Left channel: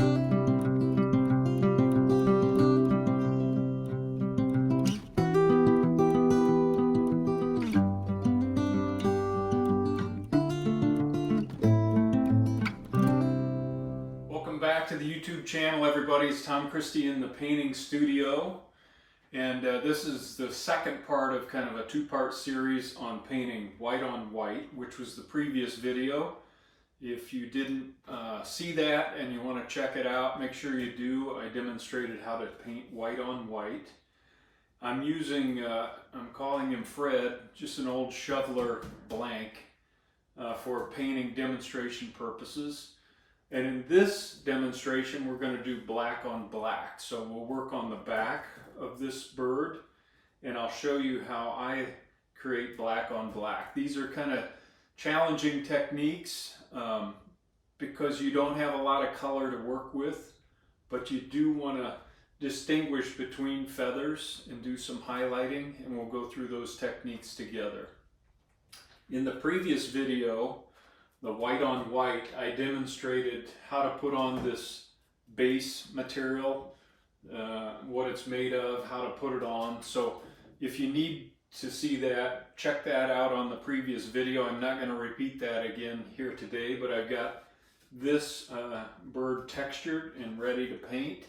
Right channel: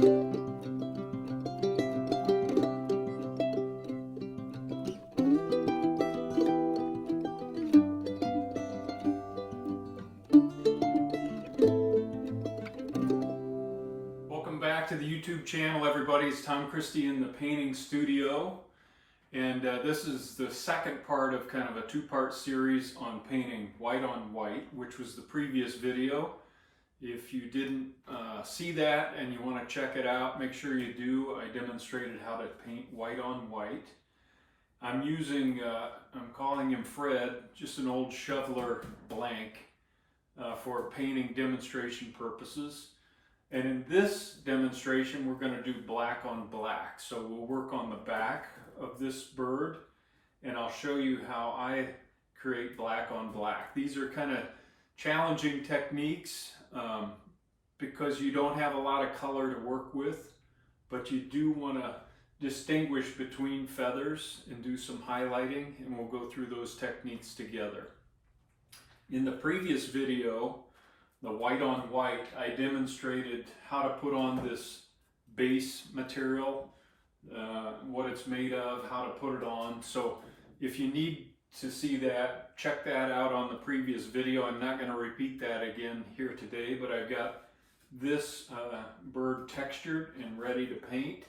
Back to the YouTube channel, everybody. It's Tom Christie in the painting studio, and this is the second part of kind of a two-part series on painting white on white, which was the previous video. If you didn't see that and you want to check it out, make sure you do. I demonstrated how to paint white on white. I'm using, I'm calling him Fred, just an old shoveler blank for painting demonstration purposes. And in this demonstration, we're going to do black on black. So we'll work on the back of this bird, and I'll show you how I create black on black. These are kind of challenging techniques because you don't have a lot of color to work with, but you do want to distinguish between feathers and do some highlighting, and we'll go through those techniques together. In the previous video, the white on white, I demonstrated how to put on this base material, what it's made of, how to put it on. So if you need to see that, check that out on the previous video. I'm not going to repeat that again here today, but I've got this bird textured and ready to paint.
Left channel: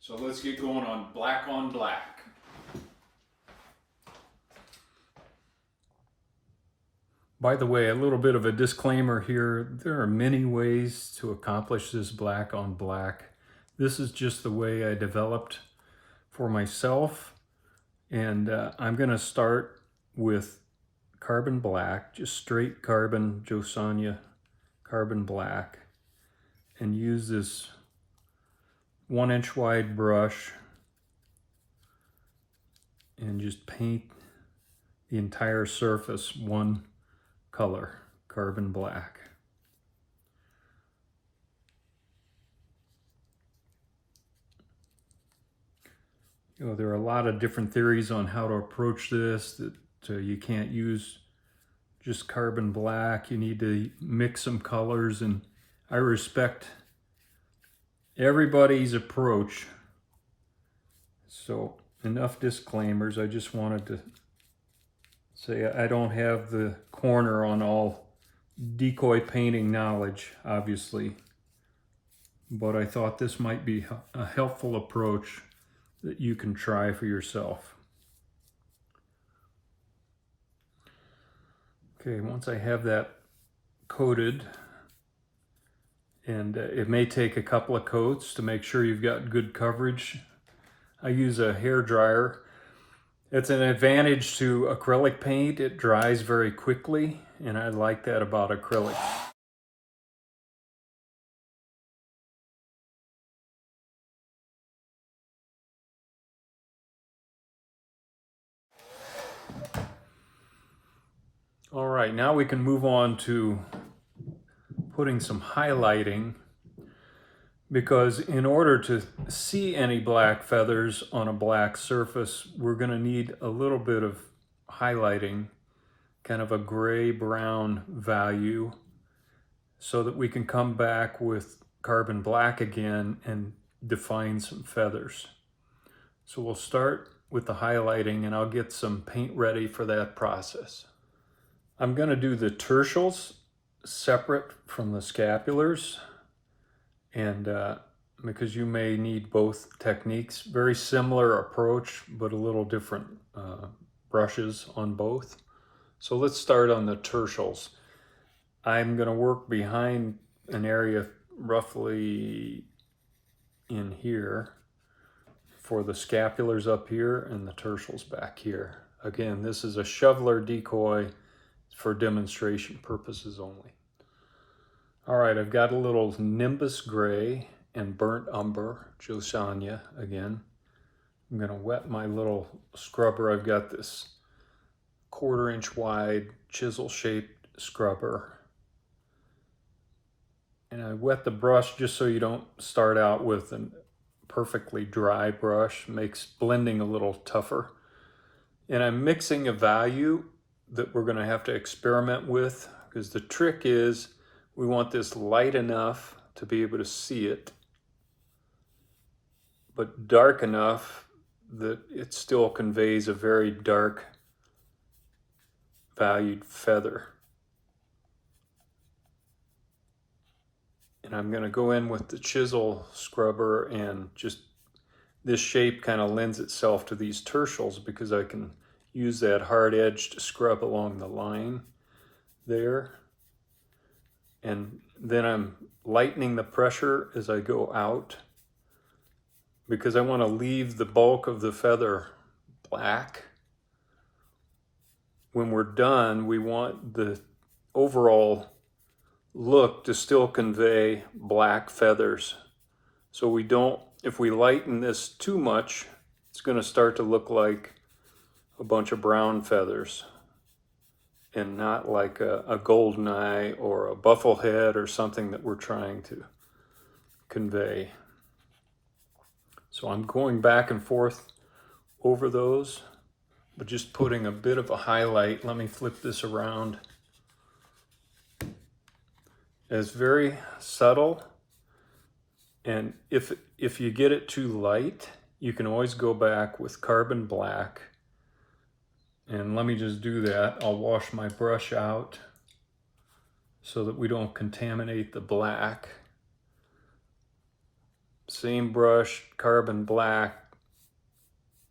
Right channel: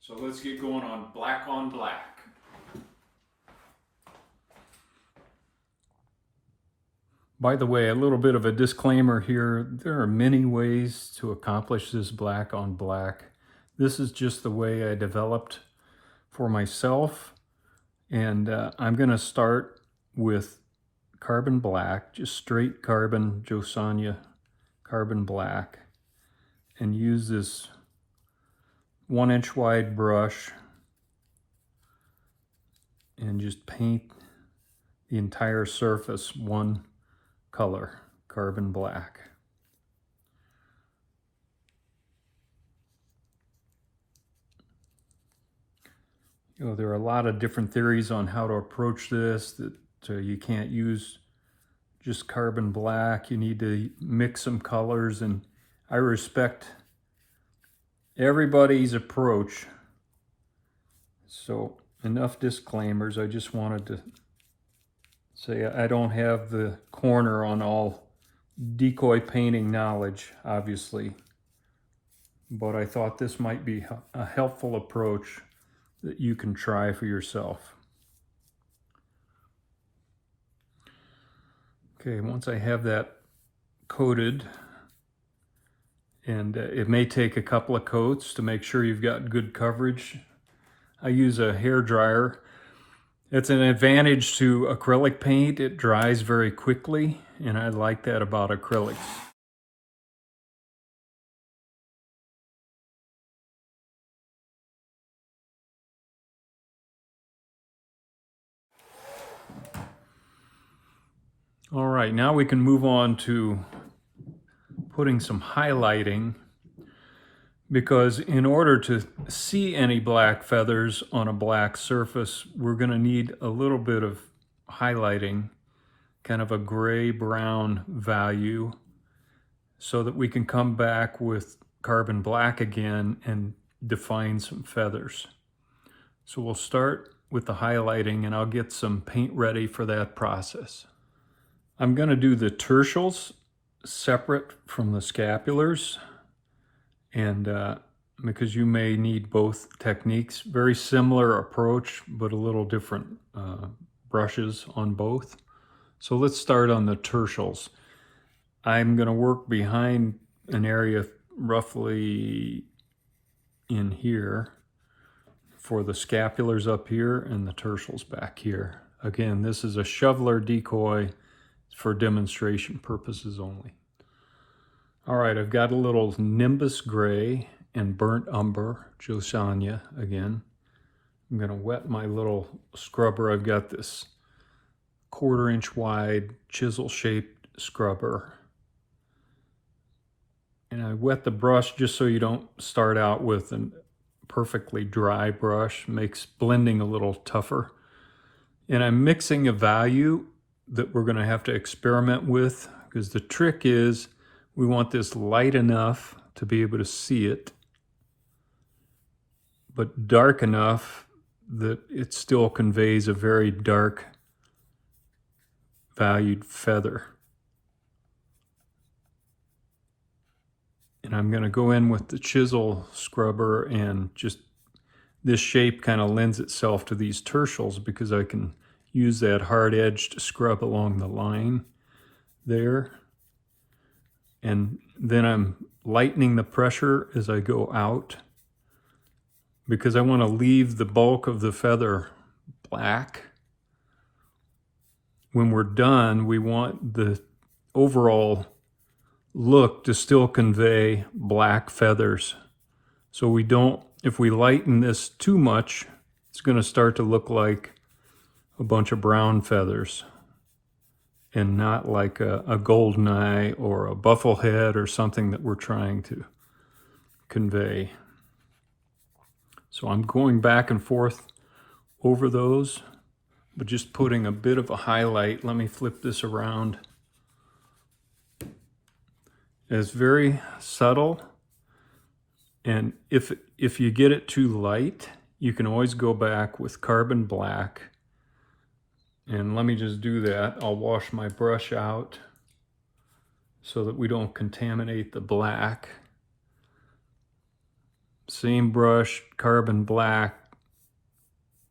So let's get going on black on black. By the way, a little bit of a disclaimer here. There are many ways to accomplish this black on black. This is just the way I developed for myself. And I'm going to start with carbon black, just straight carbon, Josania carbon black, and use this 1-inch wide brush and just paint the entire surface one color, carbon black. You know, there are a lot of different theories on how to approach this, that you can't use just carbon black. You need to mix some colors, and I respect everybody's approach. So enough disclaimers. I just wanted to say I don't have the corner on all decoy painting knowledge, obviously, but I thought this might be a helpful approach that you can try for yourself. Okay, once I have that coated, and it may take a couple of coats to make sure you've got good coverage. I use a hair dryer. It's an advantage to acrylic paint. It dries very quickly, and I like that about acrylics. All right, now we can move on to putting some highlighting, because in order to see any black feathers on a black surface, we're going to need a little bit of highlighting, kind of a gray-brown value, so that we can come back with carbon black again and define some feathers. So we'll start with the highlighting, and I'll get some paint ready for that process. I'm going to do the tertials separate from the scapulars, and because you may need both techniques. Very similar approach, but a little different brushes on both. So let's start on the tertials. I'm going to work behind an area roughly in here for the scapulars up here and the tertials back here. Again, this is a shoveler decoy for demonstration purposes only. All right, I've got a little Nimbus Gray and Burnt Umber, Josania again. I'm going to wet my little scrubber. I've got this 1/4 inch wide chisel shaped scrubber. And I wet the brush just so you don't start out with a perfectly dry brush. Makes blending a little tougher. And I'm mixing a value that we're going to have to experiment with, because the trick is we want this light enough to be able to see it, but dark enough that it still conveys a very dark valued feather. And I'm going to go in with the chisel scrubber, and just this shape kind of lends itself to these tertials because I can use that hard edge to scrub along the line there. And then I'm lightening the pressure as I go out because I want to leave the bulk of the feather black. When we're done, we want the overall look to still convey black feathers. So we don't, if we lighten this too much, it's going to start to look like a bunch of brown feathers and not like a goldeneye or a bufflehead or something that we're trying to convey. So I'm going back and forth over those, but just putting a bit of a highlight. Let me flip this around. It's very subtle, and if you get it too light, you can always go back with carbon black. And let me just do that. I'll wash my brush out so that we don't contaminate the black. Same brush, carbon black,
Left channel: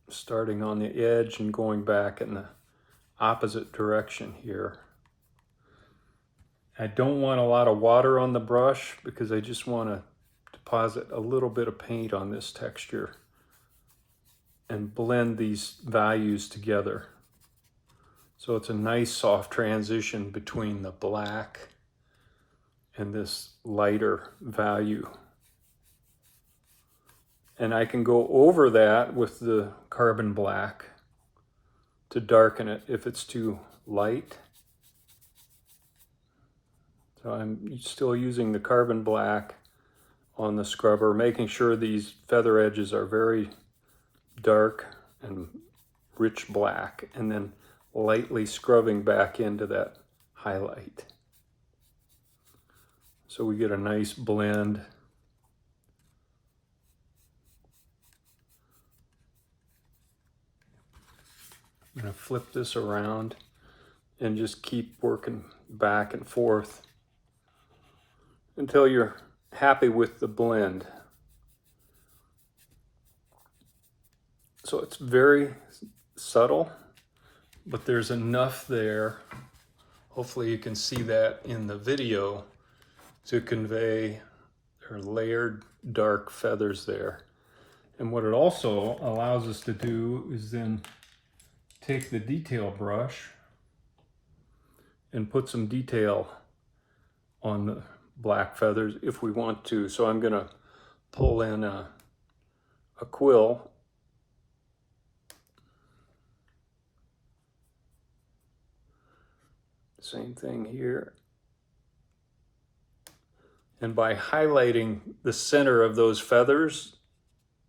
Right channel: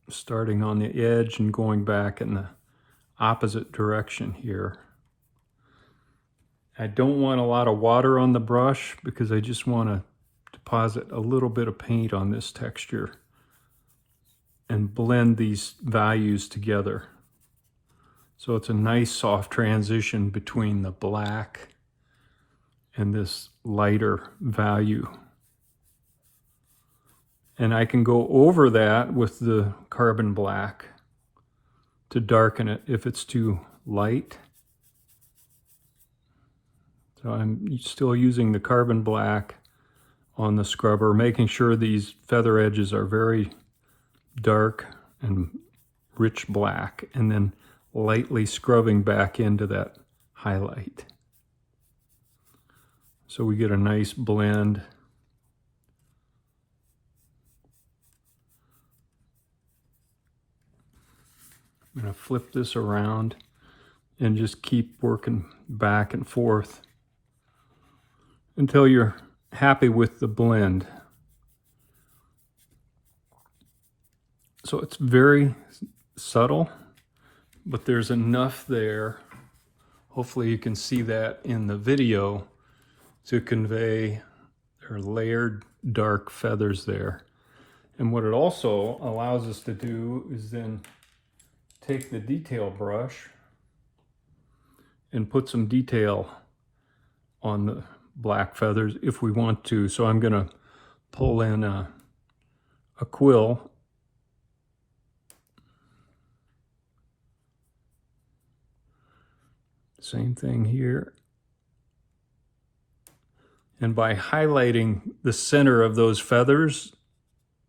starting on the edge and going back in the opposite direction here. I don't want a lot of water on the brush because I just want to deposit a little bit of paint on this texture and blend these values together. So it's a nice soft transition between the black and this lighter value. And I can go over that with the carbon black to darken it if it's too light. So I'm still using the carbon black on the scrubber, making sure these feather edges are very dark and rich black, and then lightly scrubbing back into that highlight. So we get a nice blend. I'm going to flip this around and just keep working back and forth until you're happy with the blend. So it's very subtle, but there's enough there, hopefully you can see that in the video, to convey their layered dark feathers there. And what it also allows us to do is then take the detail brush and put some detail on the black feathers if we want to. So I'm going to pull in a quill. Same thing here. And by highlighting the center of those feathers,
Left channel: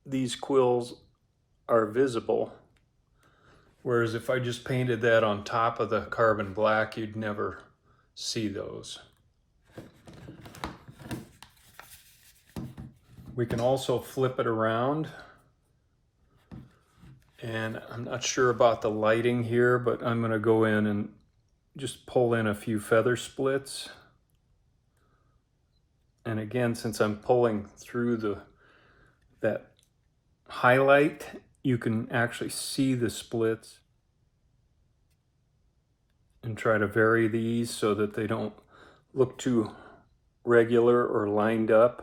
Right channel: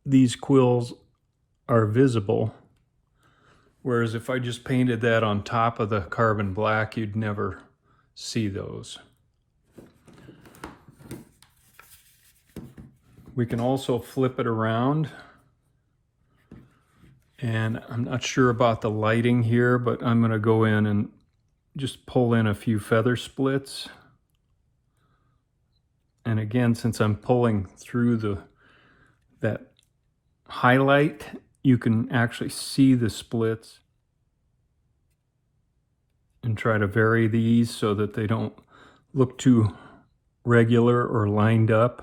these quills are visible. Whereas if I just painted that on top of the carbon black, you'd never see those. We can also flip it around. And I'm not sure about the lighting here, but I'm going to go in and just pull in a few feather splits. And again, since I'm pulling through that highlight, you can actually see the splits, and try to vary these so that they don't look too regular or lined up.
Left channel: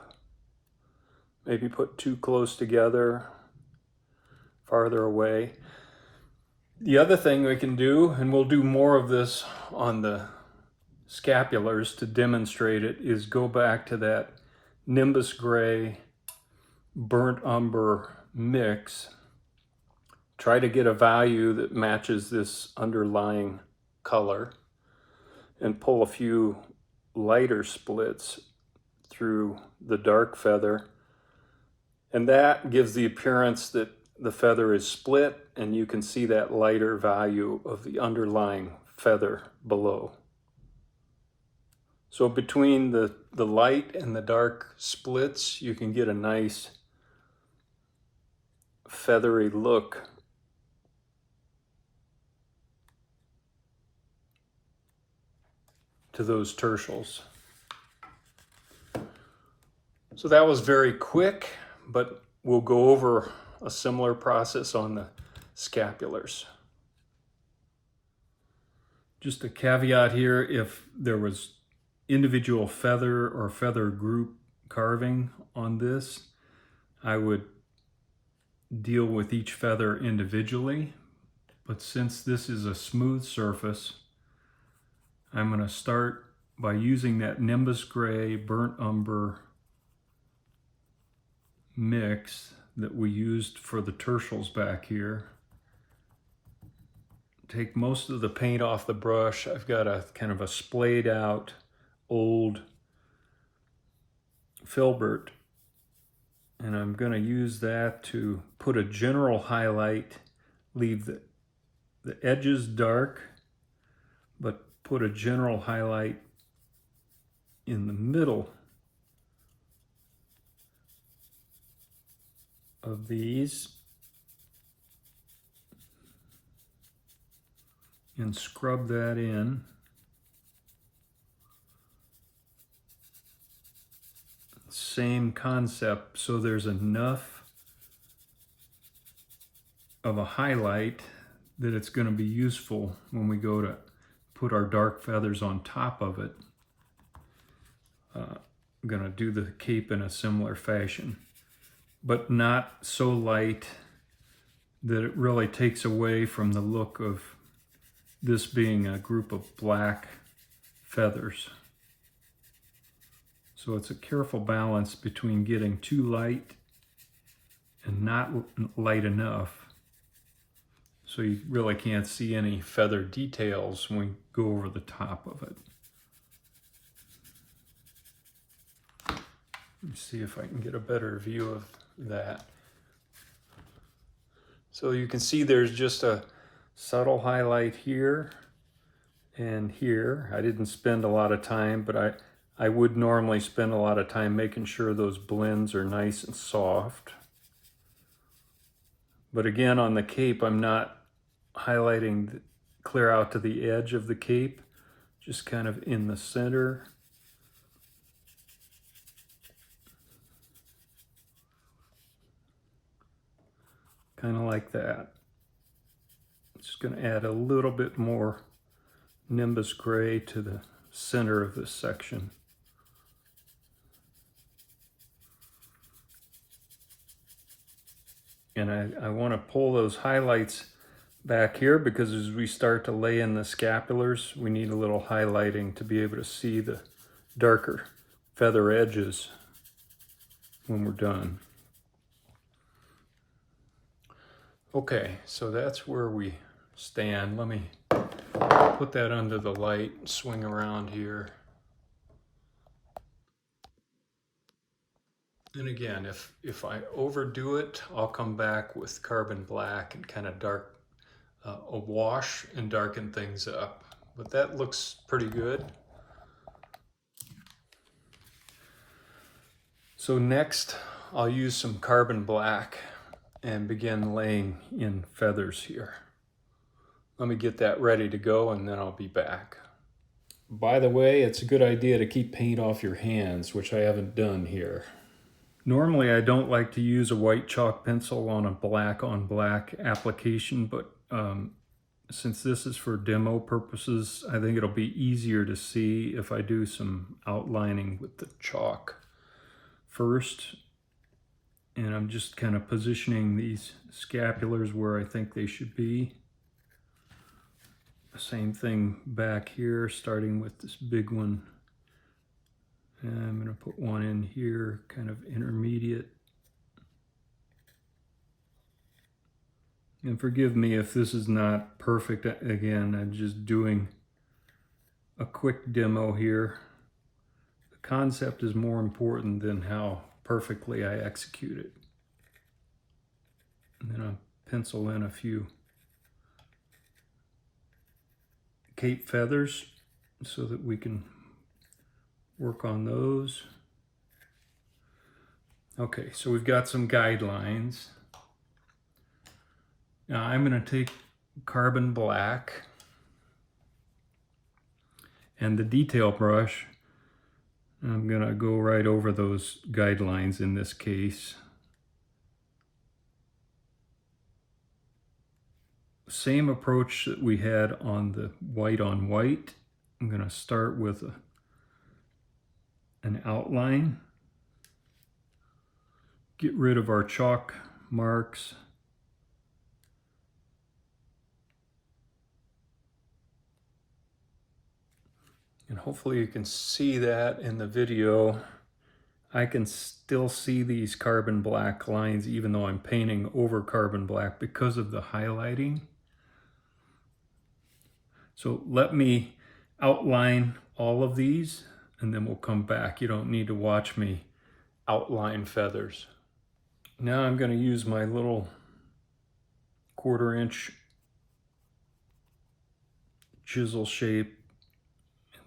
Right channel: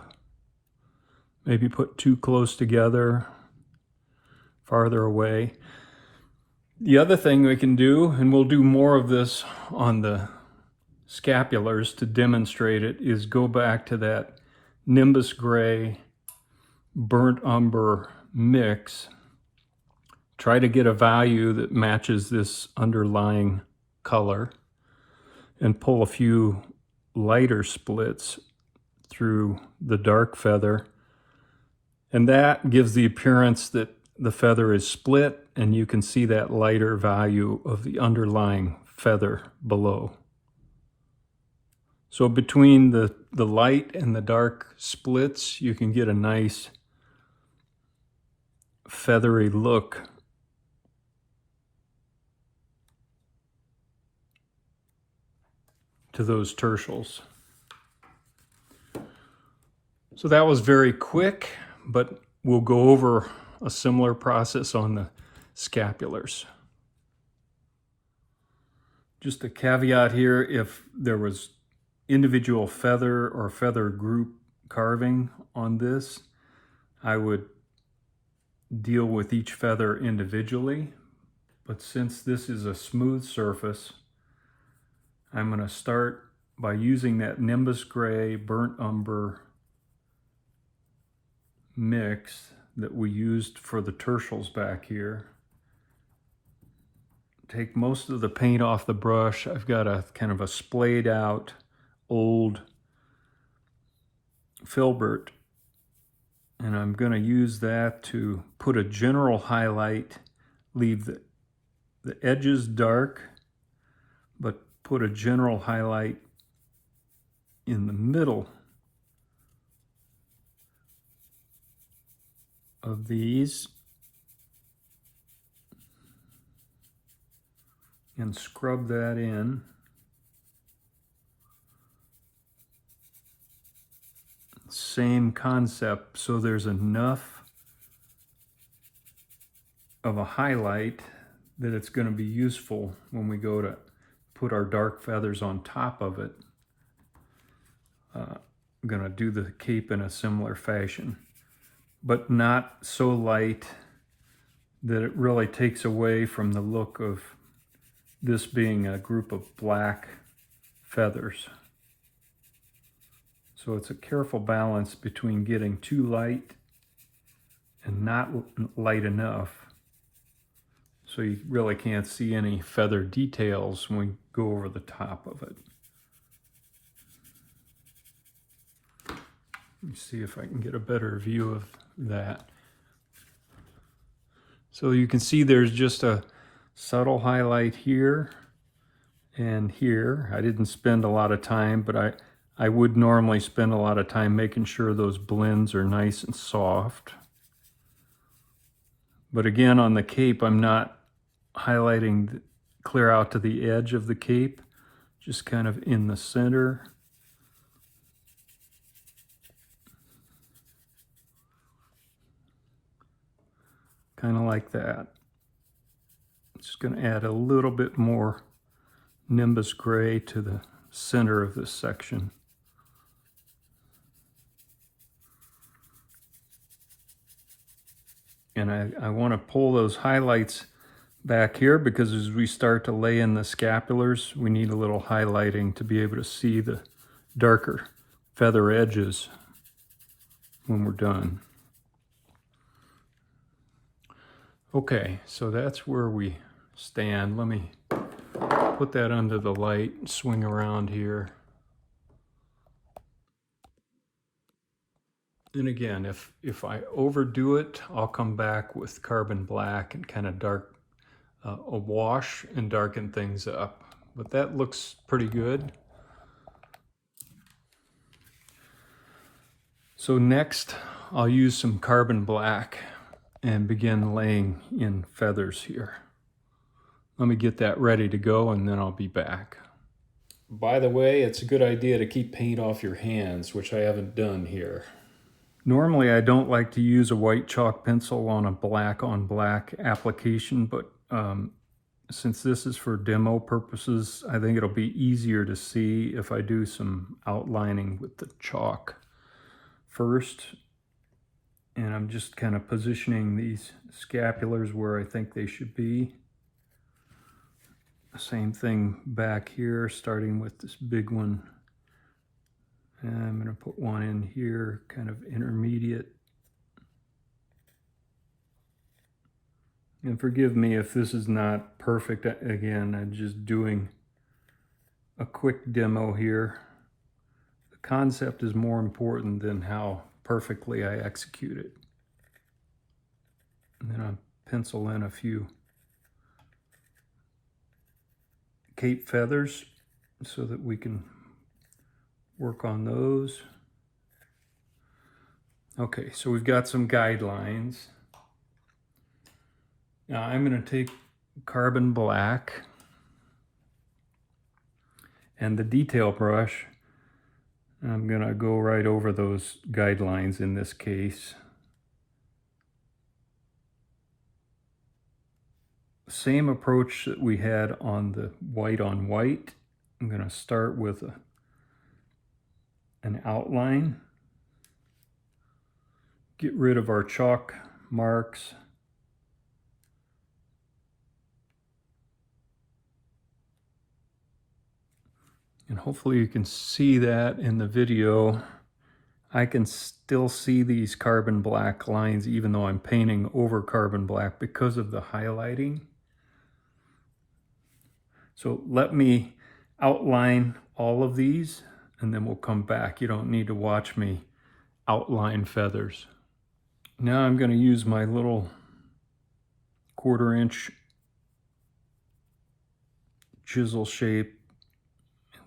Maybe put too close together, farther away. The other thing we can do, and we'll do more of this on the scapulars to demonstrate it, is go back to that Nimbus Gray burnt umber mix. Try to get a value that matches this underlying color and pull a few lighter splits through the dark feather. And that gives the appearance that the feather is split, and you can see that lighter value of the underlying feather below. So between the light and the dark splits, you can get a nice feathery look to those tertials. So that was very quick, but we'll go over a similar process on the scapulars. Just a caveat here, if there was individual feather or feather group carving on this, I would deal with each feather individually. But since this is a smooth surface, I'm going to start by using that Nimbus Gray Burnt Umber mix that we used for the tertials back here. Take most of the paint off the brush. I've got a kind of a splayed out old filbert, and I'm going to use that to put a general highlight, leave the edges dark, but put a general highlight in the middle of these, and scrub that in. Same concept, so there's enough of a highlight that it's going to be useful when we go to put our dark feathers on top of it. I'm going to do the cape in a similar fashion, but not so light that it really takes away from the look of this being a group of black feathers. So it's a careful balance between getting too light and not light enough, so you really can't see any feather details when we go over the top of it. Let me see if I can get a better view of that. So you can see there's just a subtle highlight here and here. I didn't spend a lot of time, but I would normally spend a lot of time making sure those blends are nice and soft. But again, on the cape, I'm not highlighting clear out to the edge of the cape, just kind of in the center. Kind of like that. Just going to add a little bit more Nimbus Gray to the center of this section. And I want to pull those highlights back here because as we start to lay in the scapulars, we need a little highlighting to be able to see the darker feather edges when we're done. Okay, so that's where we stand. Let me put that under the light, swing around here. And again, if I overdo it, I'll come back with carbon black and kind of dark, a wash and darken things up. But that looks pretty good. So next, I'll use some carbon black and begin laying in feathers here. Let me get that ready to go and then I'll be back. By the way, it's a good idea to keep paint off your hands, which I haven't done here. Normally I don't like to use a white chalk pencil on a black on black application, but since this is for demo purposes, I think it'll be easier to see if I do some outlining with the chalk first. And I'm just kind of positioning these scapulars where I think they should be. Same thing back here, starting with this big one. And I'm going to put one in here, kind of intermediate. And forgive me if this is not perfect. Again, I'm just doing a quick demo here. The concept is more important than how perfectly I execute it. And then I'll pencil in a few cape feathers so that we can work on those. Okay, so we've got some guidelines. Now I'm going to take carbon black and the detail brush. I'm going to go right over those guidelines in this case. Same approach that we had on the white on white. I'm going to start with an outline. Get rid of our chalk marks. And hopefully you can see that in the video. I can still see these carbon black lines even though I'm painting over carbon black because of the highlighting. So let me outline all of these and then we'll come back. You don't need to watch me outline feathers. Now I'm going to use my little 1/4-inch chisel shape.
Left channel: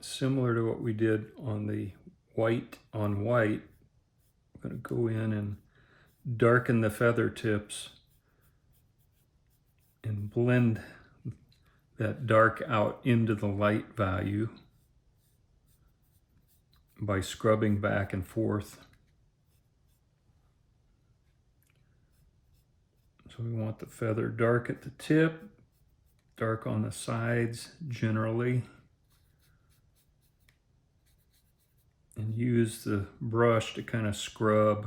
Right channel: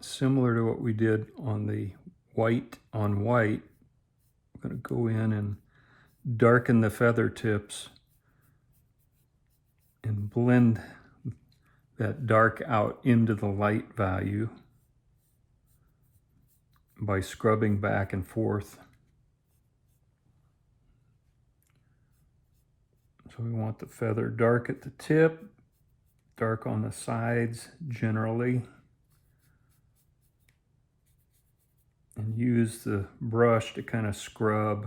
Similar to what we did on the white on white, I'm going to go in and darken the feather tips and blend that dark out into the light value by scrubbing back and forth. So we want the feather dark at the tip, dark on the sides generally. And use the brush to kind of scrub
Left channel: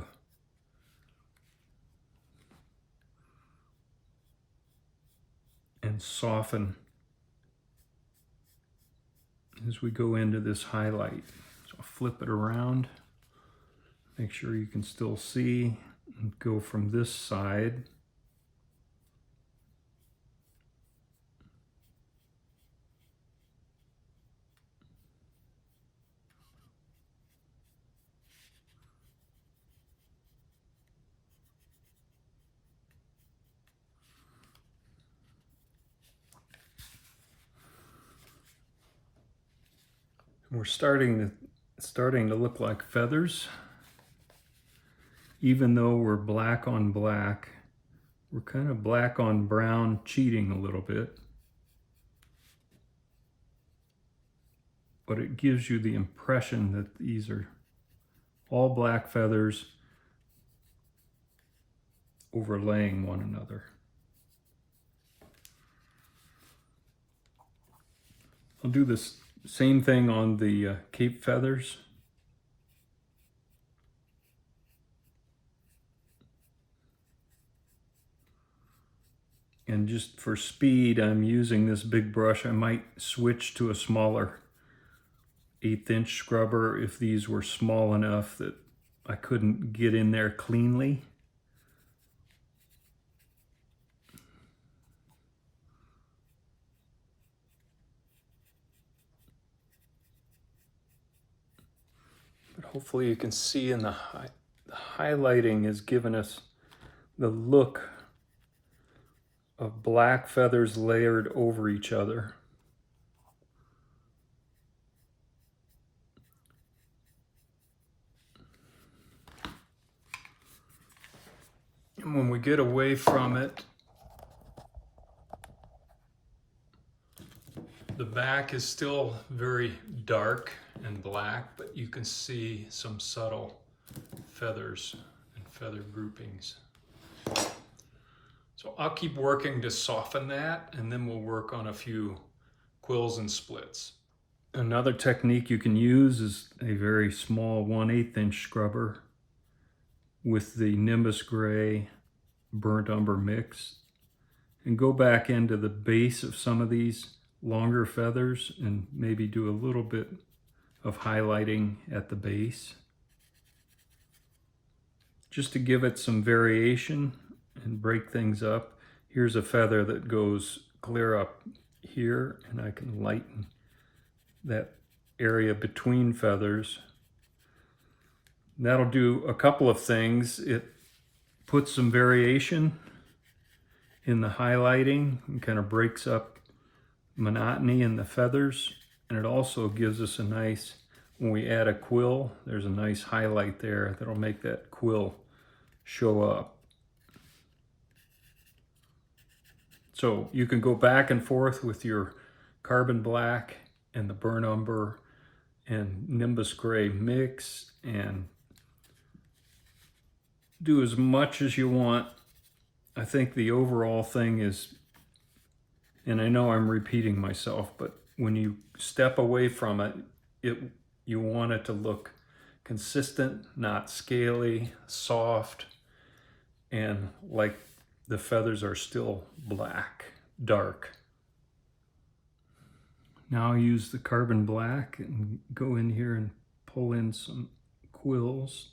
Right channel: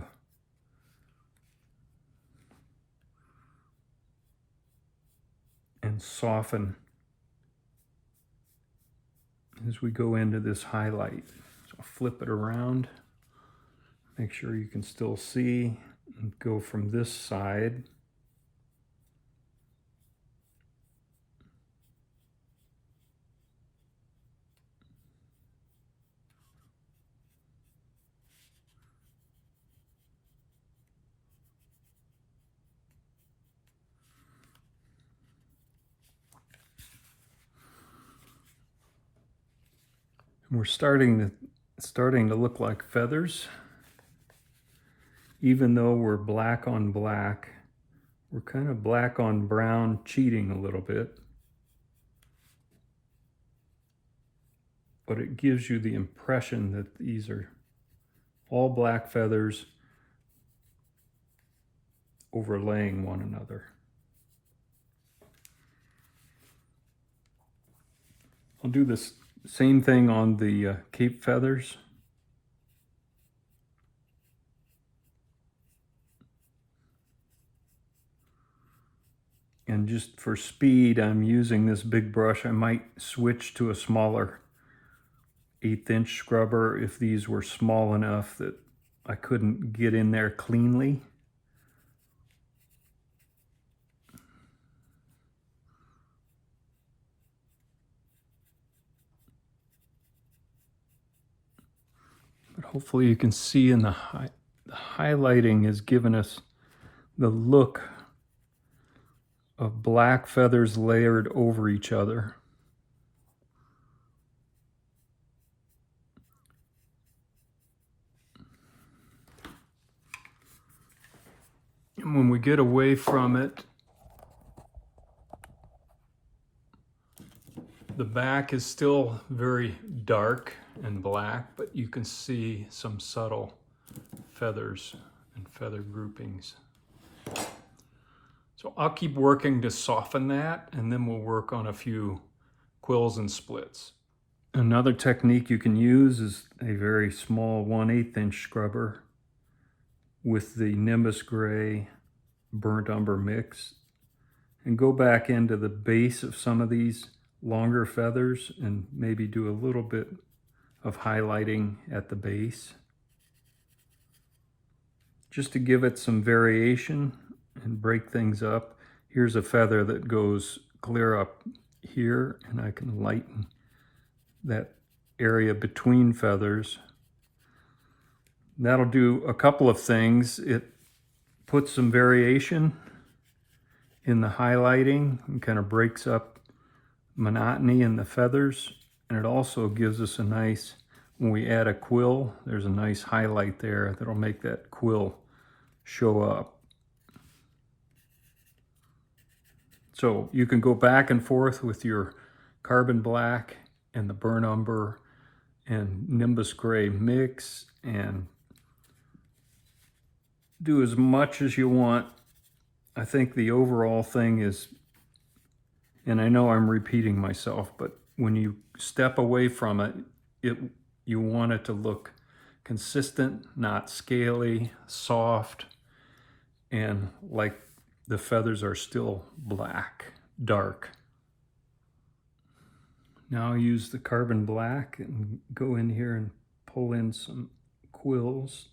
and soften as we go into this highlight. So I'll flip it around, make sure you can still see, and go from this side. We're starting to look like feathers. Even though we're black on black, we're kind of black on brown, cheating a little bit. But it gives you the impression that these are all black feathers overlaying one another. I'll do this same thing on the cape feathers. And just for speed, I'm using this big brush. I might switch to a smaller 1/8-inch scrubber if these were small enough that I couldn't get in there cleanly. Hopefully you can see in the highlighting has given us the look of black feathers layered over each other. And when we get away from it, the back is still very dark and black, but you can see some subtle feathers and feather groupings. So I'll keep working to soften that, and then we'll work on a few quills and splits. Another technique you can use is a very small 1/8-inch scrubber with the Nimbus Gray burnt umber mix, and go back into the base of some of these longer feathers and maybe do a little bit of highlighting at the base just to give it some variation and break things up. Here's a feather that goes clear up here, and I can lighten that area between feathers. That'll do a couple of things. It puts some variation in the highlighting and kind of breaks up monotony in the feathers, and it also gives us a nice, when we add a quill, there's a nice highlight there that'll make that quill show up. So you can go back and forth with your carbon black and the burnt umber and Nimbus gray mix and do as much as you want. I think the overall thing is, and I know I'm repeating myself, but when you step away from it, you want it to look consistent, not scaly, soft, and like the feathers are still black, dark. Now I use the carbon black and go in here and pull in some quills.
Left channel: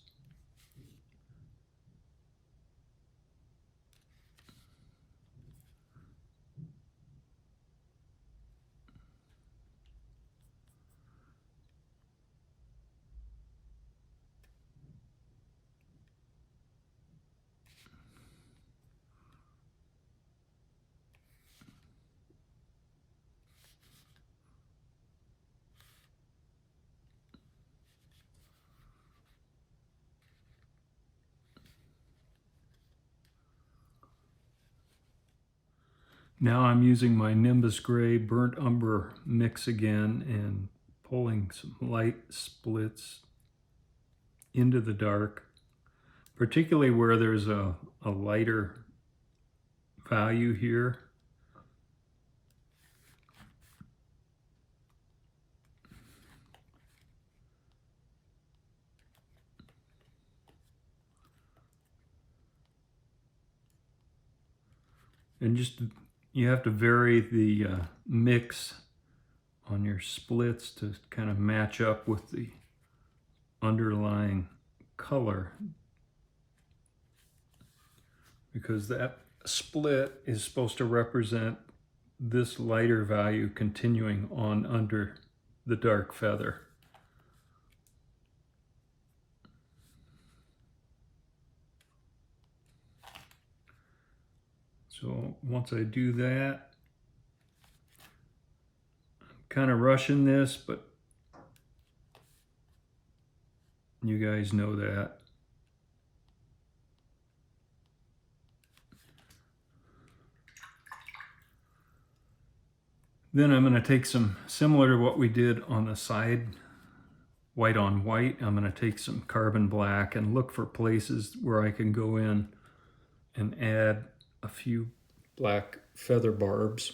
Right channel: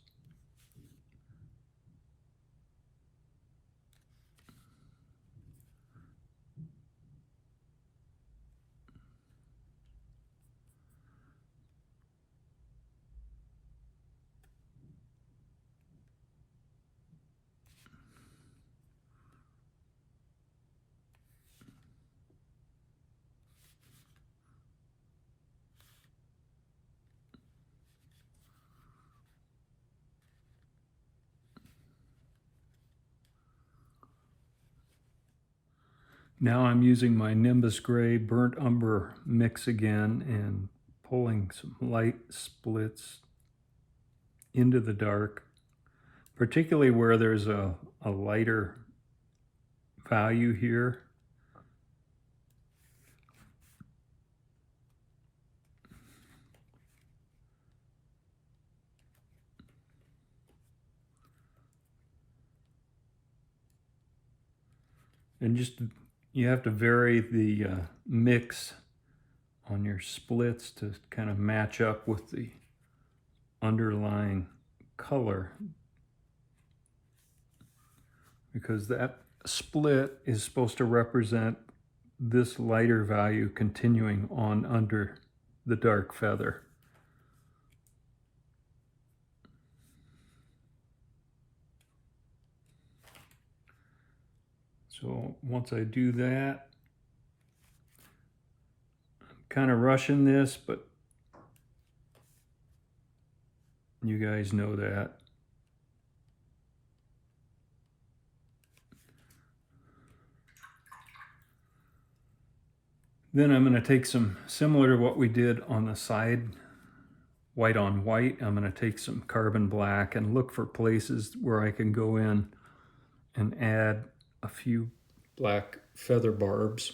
Now I'm using my Nimbus Gray burnt umber mix again and pulling some light splits into the dark, particularly where there's a lighter value here. And just, you have to vary the mix on your splits to kind of match up with the underlying color, because that split is supposed to represent this lighter value continuing on under the dark feather. So once I do that, I'm kind of rushing this, but you guys know that. Then I'm going to take some, similar to what we did on the side, white on white, I'm going to take some carbon black and look for places where I can go in and add a few black feather barbs.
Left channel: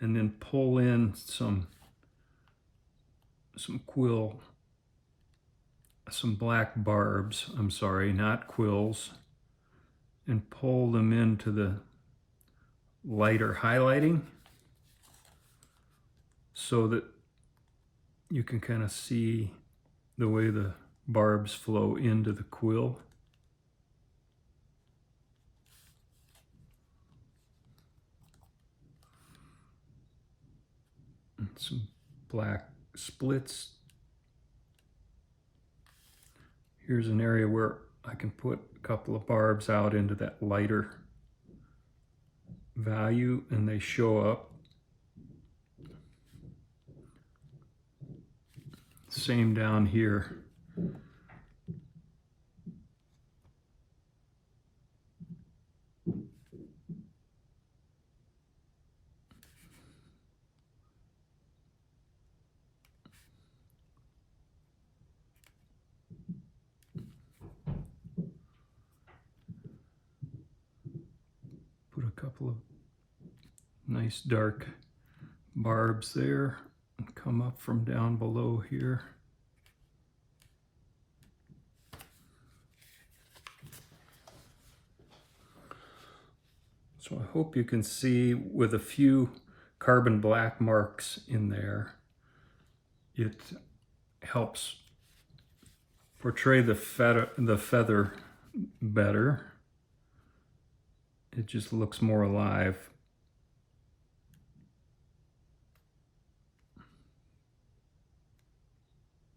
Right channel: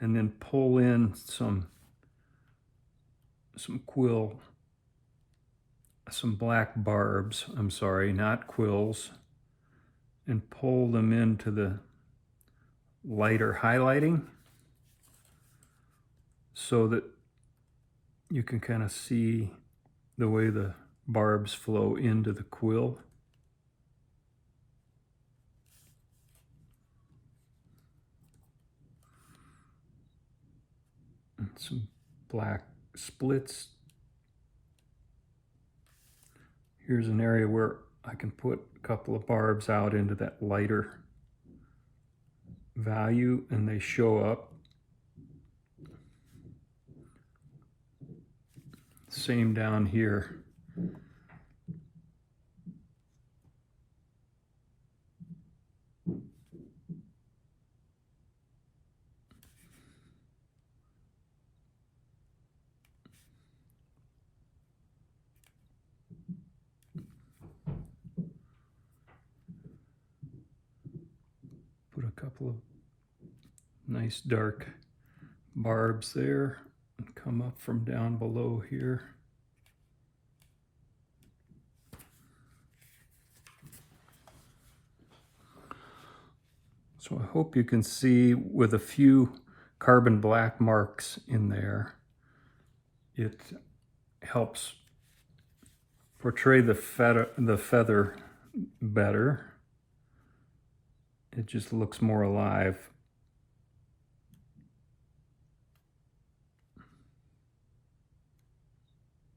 And then pull in some quill, some black barbs, I'm sorry, not quills, and pull them into the lighter highlighting so that you can kind of see the way the barbs flow into the quill. And some black splits. Here's an area where I can put a couple of barbs out into that lighter value and they show up. Same down here. Put a couple of nice dark barbs there and come up from down below here. So I hope you can see with a few carbon black marks in there, it helps portray the feather better. It just looks more alive.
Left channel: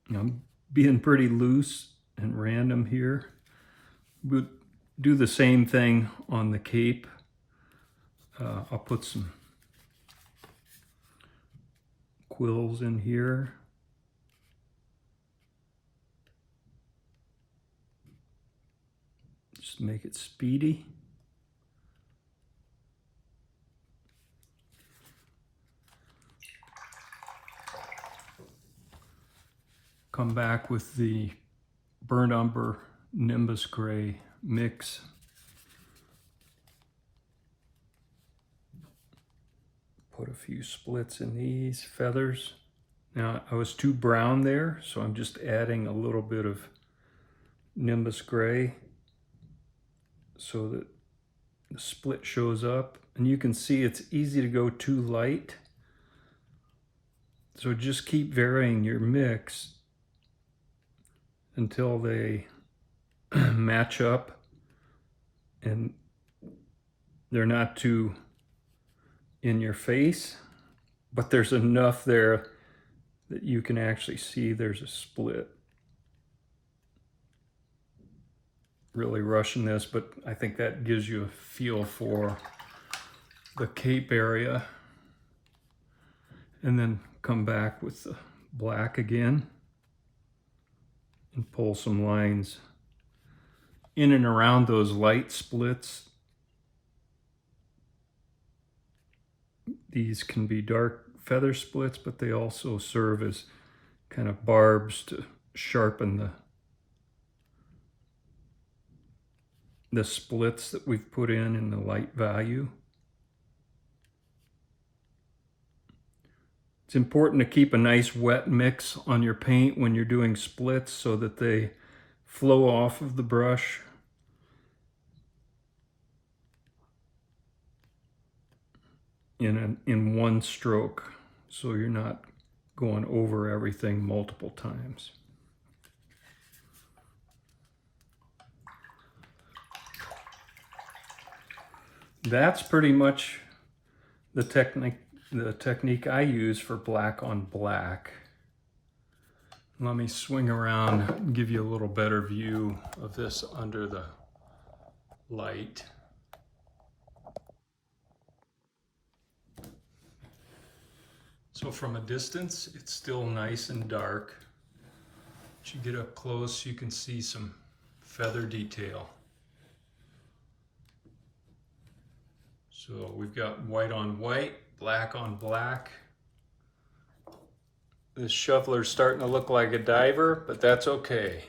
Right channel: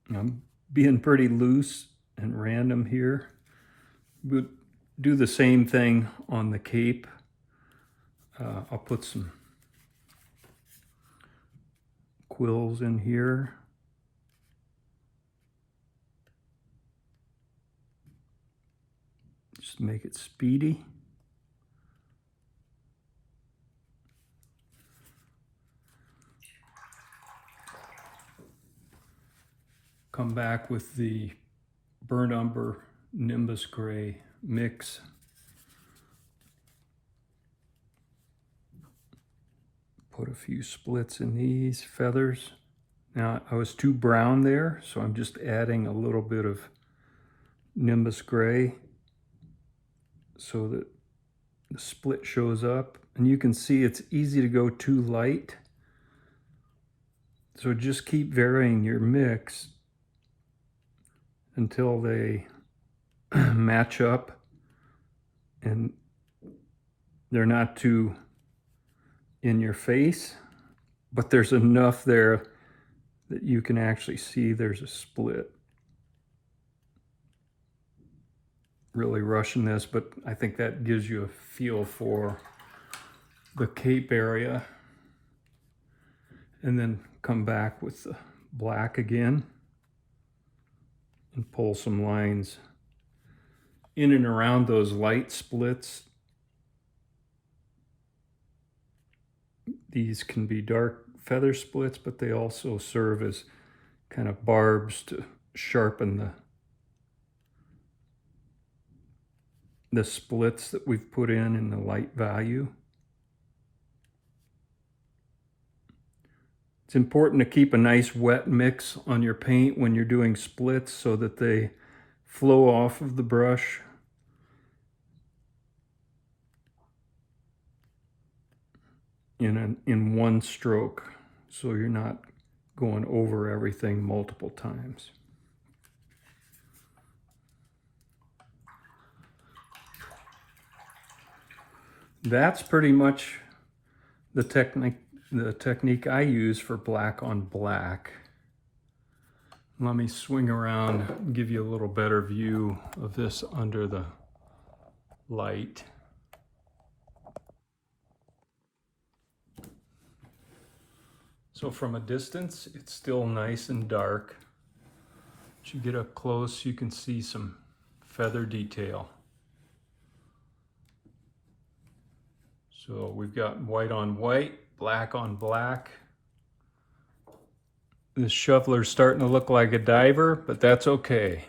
I'm being pretty loose and random here. We'll do the same thing on the cape. I'll put some quills in here. Just make it speedy. come back with the burnt umber Nimbus Gray mix. Put a few splits in these feathers. Now I was too brown there, so I'm just adding a little bit of Nimbus Gray so that the split shows up. And you can see it's easy to go too light. So just keep varying your mix until they match up and they're not too in your face, but there's enough there that you can actually see there's a split. Really rushing this, but I think that gives you a feel for the cape area. And then come back with the black again and pull some lines in and around those light splits. These can be dark feather splits, but they also serve as kind of barbs to sharpen the splits that we've put in the light value. It's important to keep a nice wet mix on your paint when you're doing splits so that they flow off of the brush. In one stroke, so you're not going over everything multiple times. That's pretty much the technique I use for black on black. Let me swing around and give you a little better view of this under the light. So from a distance, it's still nice and dark. As you get up close, you can see some feather detail. So we've got white on white, black on black. This shoveler's starting to look like a diver, but that's okay.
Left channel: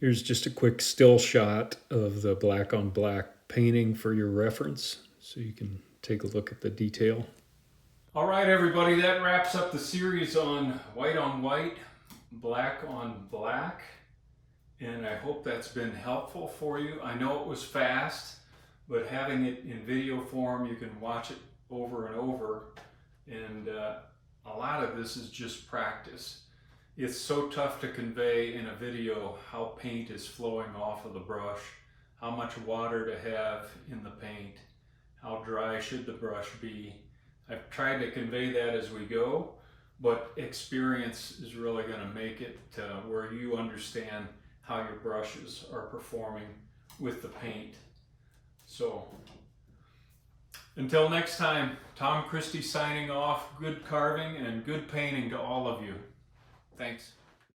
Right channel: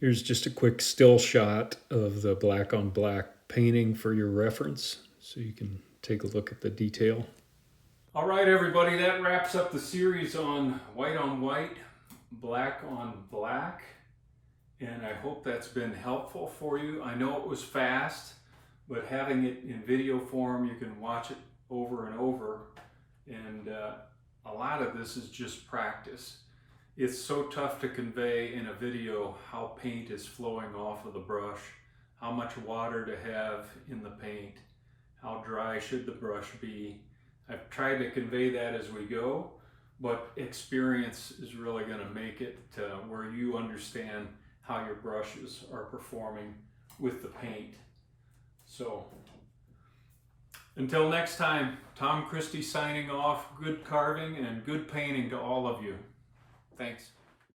Here's just a quick still shot of the black on black painting for your reference, so you can take a look at the detail. All right, everybody, that wraps up the series on white, black on black. And I hope that's been helpful for you. I know it was fast, but having it in video form, you can watch it over and over. And a lot of this is just practice. It's so tough to convey in a video how paint is flowing off of the brush, how much water to have in the paint, how dry should the brush be. I've tried to convey that as we go, but experience is really going to make it where you understand how your brushes are performing with the paint. So until next time, Tom Christie signing off. Good carving and good painting to all of you. Thanks.